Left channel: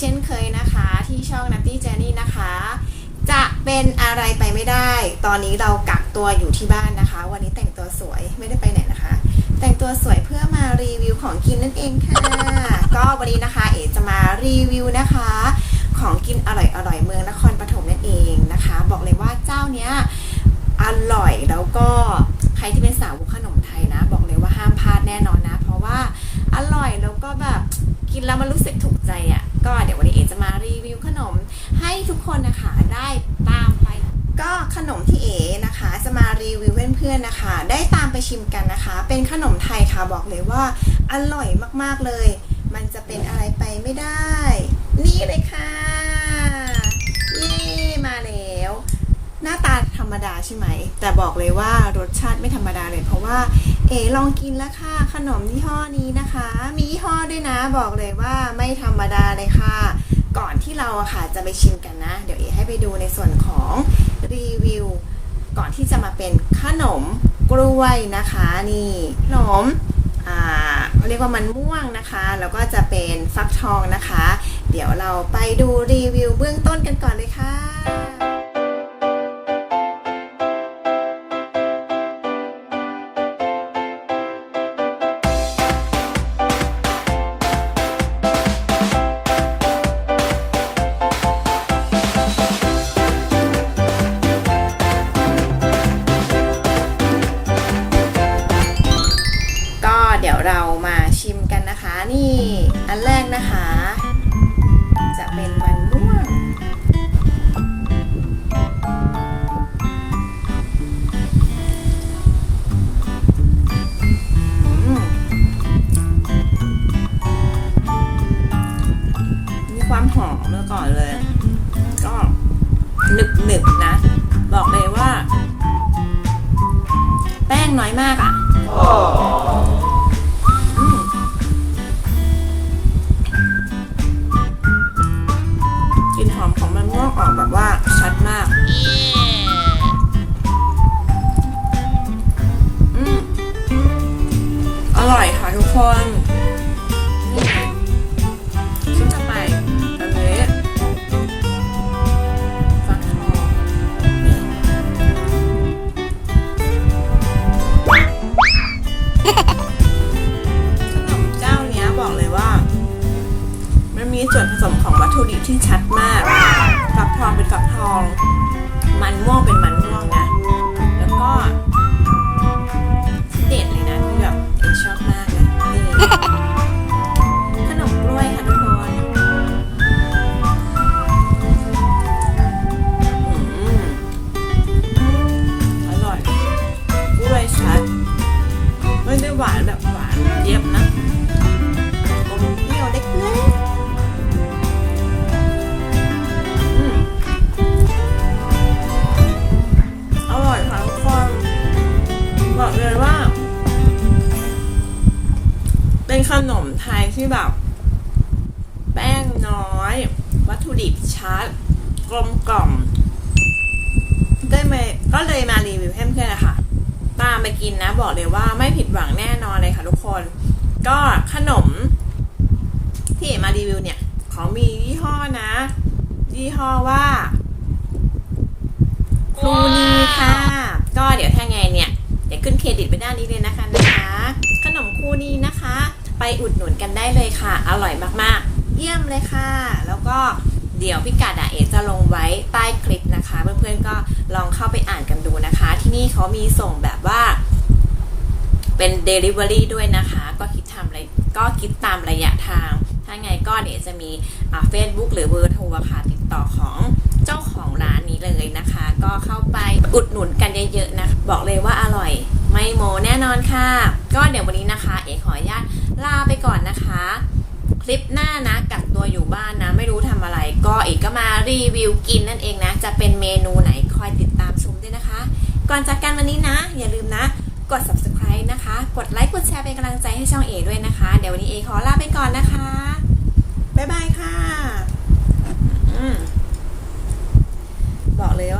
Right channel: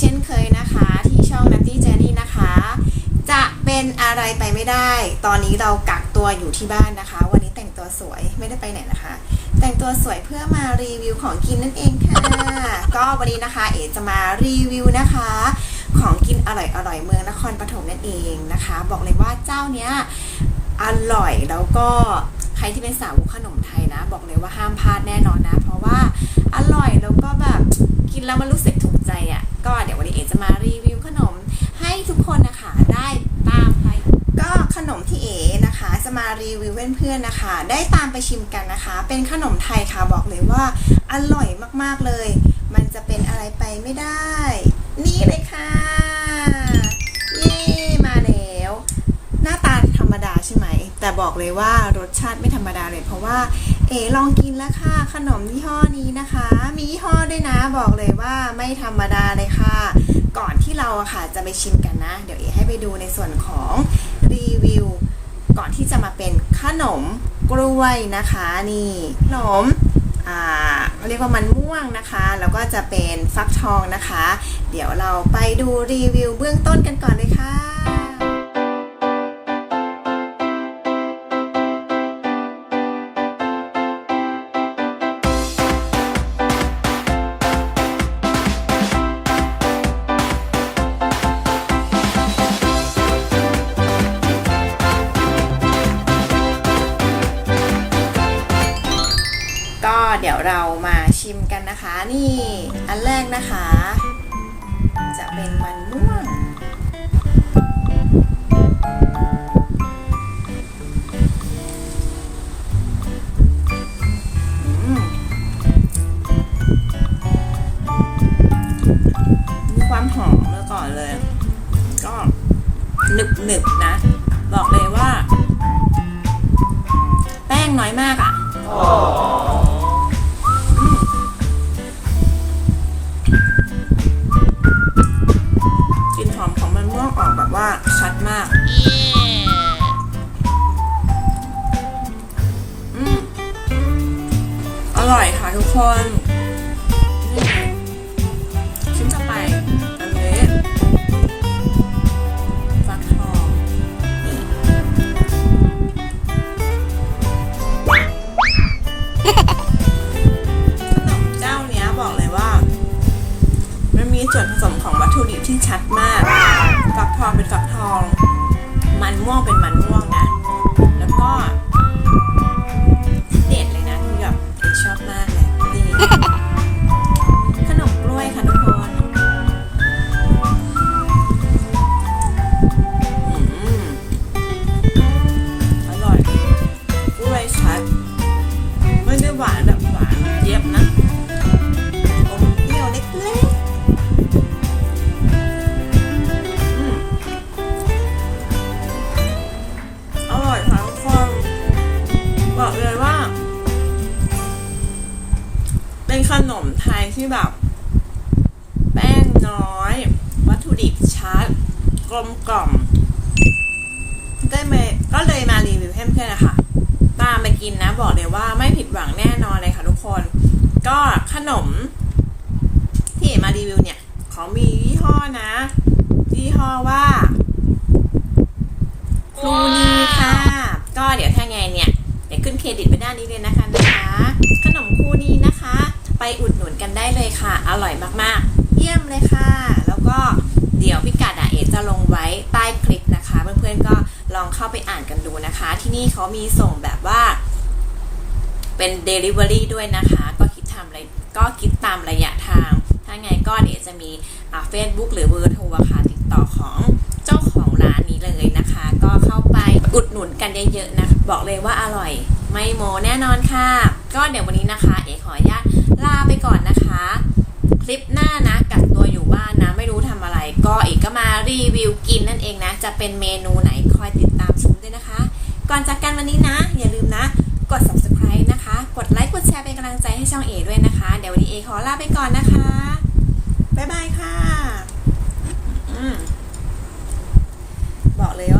เช่นเคยนะคะ ที่ช่อง Nutty Journey นะคะ จะเป็นอะไรไปไม่ได้ ตอนนี้เรากักตัวอยู่ที่บ้านนะคะ วันนี้แต่งตัวสวยไม่ได้ไปไหนนะคะ แต่งตัวสวยเพื่อมารีวิวของกินนั่นเองค่ะ ก็วันนี้นะคะ เอ๋จะมารีวิวนะคะ ของกินอร่อยอร่อยเมืองนครปฐมนั่นเองนะคะ บอกเลยว่าเจ้าเนี้ยอร่อยแล้วก็ใครที่เป็นสาวขนมไทยนะ บอกเลยว่าห้ามพลาดแน่นอนนะ เพราะว่าอร่อยแล้วก็แบบกินแล้วมันรู้สึกถูกใจอะ่ะ ก็เดี๋ยววันนี้เอ๋จะมารีวิวขนมให้ทุกคนนะคะได้ตามไป ก็ขนมที่เอ๋นะคะ จะมารีวิวเพื่อนๆนะคะ ได้ตามไปชิมกันนะคะ เป็นขนมไทยค่ะบอกเลยว่าอร่อยมากๆเลย มันจะเป็นอะไรไปไม่ได้ นี่เลยค่ะเย้มาแล้ว หน้าตาธรรมดาใช่ไหม แต่บอกเลยว่ารสชาติไม่ธรรมดาเลย เพราะว่า เอ๋ลองกินแล้วค่ะ ขนมยี่ห้อนี้นะคะ มียี่ห้อด้วยนะบอกเลยว่าไม่ธรรมดาเลยค่ะ ก่อนที่เราอะค่ะจะไปชิมกันนะ เดี๋ยวเอ๋ให้ไปดูในส่วนของรีวิวก่อนที่จะมาเป็นขนมกล้วยนะคะนี่ขนมเรียกว่ามันม่วงนะคะ แล้วก็จะเป็นฟักทองนะคะ เดี๋ยวเราไปดูรีวิวเบื้องต้นกันก่อนเลยค่ะ เดี๋ยวเรามาชิมกันนะคะ นี่อันแรกนะคะ จะเป็นมันม่วง มีความหอมเมื่อก่อนเลย ก็หนึบหนึบๆนะ บอกเลยว่า แป้งน้อยมากอะอื คนชิ้นต่อไปอันนี้ฟักทองนี่ขนมเจ้าเนี้ยบอกเลยว่า มันมีส่วนผสมของวัตถุดิบที่ชัดมาก ฟักทองเป็นฟักทอง มันม่วงเป็นมันม่วงนะ แล้วก็ เป็นขนมไทยที่แบบ แป้งน้อย วัตถุดิบชัด กลมกล่อมได้มาก็เลยมารีวิวให้เพื่อนๆนะคะตามไปกินนะบอกเลยว่าไม่ผิดหวังแน่นอนเลยค่ะทุกคน ก็ขนม ที่เอ๋มารีวิวเนี่ยเขามียี่ห้อนะ ยี่ห้อว่าครูนีค่ะ ก็เดี๋ยวถ้าไงเนี่ย เดี๋ยวขึ้นเครดิตไปด้านนี้เลยนะคะนะคะ ขนมครูนีนะคะ ไปอุดหนุนกันได้เลยค่ะ อร่อยมากๆ เยี่ยมเลยค่ะ แล้วก็เดี๋ยวพิกัดอะเอ๋จะลงไว้ใต้คลิปนะคะ เพื่อนๆก็ลองเข้าไปอ่านกันดูนะคะ ที่นี่เขามีส่งแบบว่าเป็น Delivery ด้วยนะคะ ก็คิดทำอะไรก็คิดตามระยะทาง ถ้าไงก็เดี๋ยวจะมีอ่า Facebook หรือเบอร์โทรค่ะติดต่อของเจ้าของร้านนี้เลยนะคะ ก็เข้าไปอุดหนุนกันเยอะๆนะ บอกเลยว่าอร่อย ไม่โมแน่นอนค่ะ ก็เดี๋ยววันนี้นะคะ เอ๋ขออนุญาตลาไปก่อนนะคะ คลิปหน้านะกักตัวอยู่บ้านนะ ไม่รู้ทำอะไร ก็เอกก็มารีวิวกินนั่นเองนะ จะเป็นเมนูไหนคอยติดตามชมด้วยนะคะ ก่อนจากกันวันนี้นะ อย่าลืมนะ กด subscribe นะคะ กดไลค์กดแชร์เป็นกำลังใจให้ช่องเอด้วยนะคะ เดี๋ยววันนี้เอขอลาไปก่อนนะคะบ๊ายบายค่ะอืมบอกเลยว่าอร่อย